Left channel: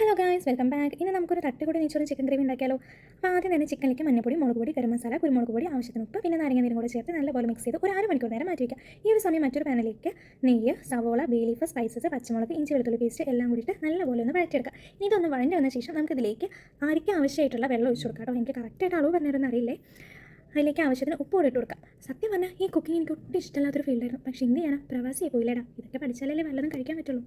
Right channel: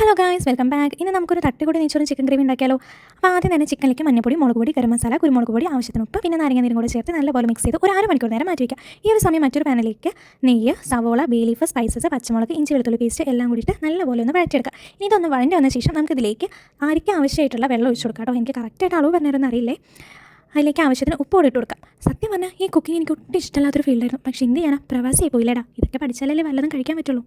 Hello guys, welcome back. ഇന്ന് നമുക്കൊരു തട്ടിക്കൂടി നെയ്ച്ചോറും ചിക്കൻ ഗ്രേവി ഉണ്ടാക്കിയാലോ. അപ്പോൾ ആദ്യം തന്നെ ചിക്കനിലേക്ക് മഞ്ഞപ്പൊടി, മുളക് പൊടി, ഗരം മസാല, കുരുമുളക് പൊടി, ആവശ്യത്തിന് ഉപ്പ്, പിന്നെ നാരങ്ങ നീരും കൂടി ചേർത്ത് നല്ലപോലെ മിക്സ് ചെയ്ത് ഒരു 1/2 മണിക്കൂർ നേരം മാറ്റി വയ്ക്കുക. ഈ ഒരു സമയം മറ്റൊരു പാനിലേക്ക് നെയ്യ്, സവോള, ബേ ലീഫ്, സ്പൈസസ്, പച്ചമുളക്, ഇഞ്ചി വെളുത്തുള്ളി പേസ്റ്റ് എല്ലാം കൂടിയിട്ട് നല്ലപോലെ ഒന്ന് വഴറ്റിയെടുക്കുക. ഇനി ഇതൊന്ന് വഴണ്ടി വന്ന ശേഷം നമുക്കിതിലേക്ക് ആയിരിക്കും ആവശ്യമായിട്ടുള്ള വെള്ളം ഒഴിച്ചു കൊടുക്കാം കേട്ടോ. എനിക്ക് കറക്റ്റായിട്ട് അളവ് പറഞ്ഞിരുന്ന അറിയില്ലേ. അതിലേക്ക് ആവശ്യത്തിന് ഉപ്പ് കൂടി ഇട്ട് കൊടുക്കാം. സത്യം പറഞ്ഞാൽ ഈ കുക്കിംഗ് എനിക്ക് ഒട്ടും ഇഷ്ടമില്ലാത്തൊരു ഫീൽഡായിരുന്നു. പക്ഷേ എന്ത് ചെയ്യാനാ, പ്രവാസിയായി പോയില്ലേടാ. ഇതൊക്കെ പഠിച്ചാലല്ലേ വല്ലതും കഴിക്കാൻ പറ്റുള്ളൂ.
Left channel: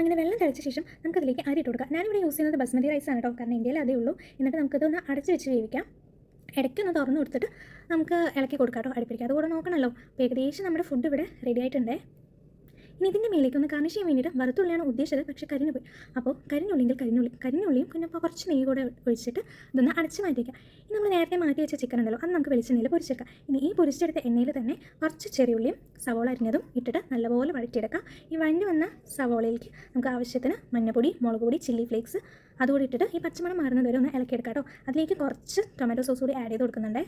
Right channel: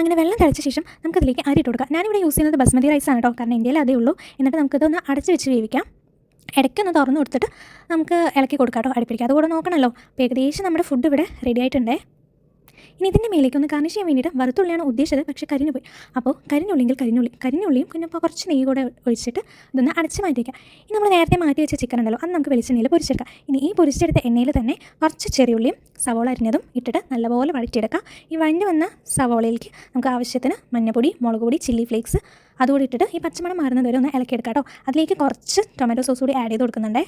അങ്ങനെ വെള്ളം തിളച്ച ശേഷം നമുക്കതിലേക്ക് അരി ഇട്ട് കൊടുക്കാം. ഞാനിവിടെ യൂസ് ചെയ്യുന്നത് ബസ്മതി റൈസാണ് കേട്ടോ, കാരണം ഇന്ത്യയിൽ അതേ ഉള്ളൂ. എന്നിട്ട് നമുക്കിതൊന്ന് അടച്ച് വെച്ച് വേവിക്കാം. ഇടയ്ക്കൊന്ന് തുറന്ന് കൊടുത്തിട്ട് നമുക്ക് ഇളക്കി കൊടുക്കാം കേട്ടോ, അടുപ്പിടിക്കുക. അതുകൂടെ നോക്കണമല്ലോ. അപ്പോൾ ഏകദേശം നമ്മുടെ ഫുഡ് ഇവിടെ റെഡി ആയിട്ടുണ്ടേ. ഇനി ഇതിൻ്റെ മേലേക്ക് ഒന്ന് ഗാർണിഷ് ചെയ്യാൻ വേണ്ടിയിട്ട് വറുത്തുള്ളിയാണ് ഉദ്ദേശിച്ചത്, പക്ഷേ കരിഞ്ഞു പോയി. അപ്പോൾ കരിഞ്ഞുള്ളിയും പിന്നെ ഇപ്പോൾ കുറച്ച് നെയ്യ് കൂടെ ഒഴിച്ചിട്ട് ഇതൊന്ന് അടച്ച് മാറ്റിയേക്കാം. ഇനി നമ്മൾ നേരത്തെ മാറ്റി വെച്ച ചിക്കൻ ഉണ്ടല്ലോ, അത് നമുക്ക് വെളിച്ചെണ്ണയിൽ പൊരിച്ചെടുക്കാം. ഇനി ഈ പൊരിച്ചെടുത്ത എണ്ണയിൽ തന്നെ കുറച്ച് ചെറിയുള്ളിയും സവോള അരിഞ്ഞതും ഇട്ടിട്ട് നല്ലപോലെ വഴറ്റിയെടുക്കാം. ഈ വഴഞ്ഞു വന്ന സവോളയിലേക്ക് നമുക്ക് ആവശ്യത്തിന് മഞ്ഞൾപ്പൊടി, മുളക് പൊടി, ചില്ലി ഫ്ലേക്സ് അതുകൂടി ഇട്ടിട്ട് ഈ പച്ചമണം മാറുന്നത് വരെ ഒന്ന് ഇളക്കിയെടുക്കാം കേട്ടോ. അതിലേക്ക് കുറച്ച് ടൊമാറ്റോ സോസ് കൂടി ആഡ് ചെയ്ത് കൊടുക്കുന്നുണ്ടേ.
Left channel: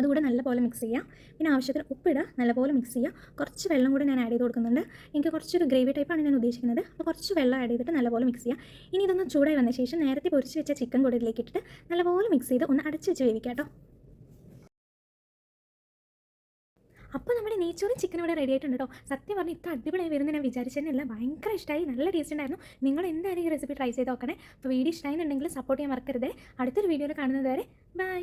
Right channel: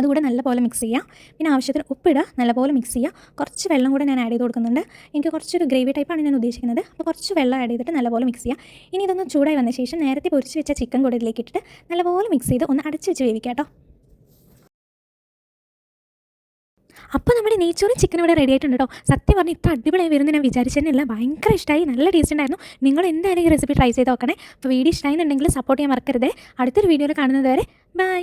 അതുകൂടെ നല്ലപോലെ മിക്സ് ചെയ്യുക. പിന്നെ ആവശ്യത്തിന് ഉപ്പിടുക, നല്ലപോലെ മിക്സ് ചെയ്യുക. കുറച്ച് വെള്ളം കൂടെ ഞാൻ ആഡ് ചെയ്ത് കൊടുക്കുന്നുണ്ട്. എനിക്ക് കുറച്ചൊരു ഗ്രേവി ടൈപ്പാണ് ഞാൻ ഉദ്ദേശിക്കുന്നത്. അപ്പോൾ കുറച്ച് വെള്ളം ആഡ് ചെയ്തിട്ട് നല്ലപോലെ മിക്സ് ചെയ്യുക. ഇനി ഇതൊന്ന് ചൂടായി വന്ന ശേഷം നേരത്തെ പൊരിച്ച് വെച്ച ചിക്കൻ കൂടെ ഇതിലേക്ക് ഇട്ടിട്ട് നല്ലപോലെ മിക്സ് ചെയ്ത് ഒന്ന് അടച്ച് വെച്ച് വേവിക്കുക കേട്ടോ. അപ്പോൾ നമ്മുടെ നെയ്ച്ചോറും ചിക്കൻ ഇവിടെ റെഡി ആയിട്ടുണ്ട് കേട്ടോ. സത്യം പറഞ്ഞാൽ ഇത്ര അടിപൊളിയായി വരുന്നത് ഞാൻ വിചാരിച്ചതന്നെയല്ല. ഭയങ്കര ഇഷ്ടമായി, നല്ല ടേസ്റ്റ് ഉണ്ടായിരുന്നു. നിങ്ങൾ എന്തായാലും ഈ റെസിപ്പി ട്രൈ ചെയ്ത് നോക്കണേ. അപ്പോൾ വീഡിയോ ഇഷ്ടമായിരുന്നുണ്ടെങ്കിൽ സപ്പോർട്ട് ചെയ്യാൻ മറക്കരുത്. അടുത്തൊരു വീഡിയോയിൽ കാണുന്നത് വരെ ബൈ.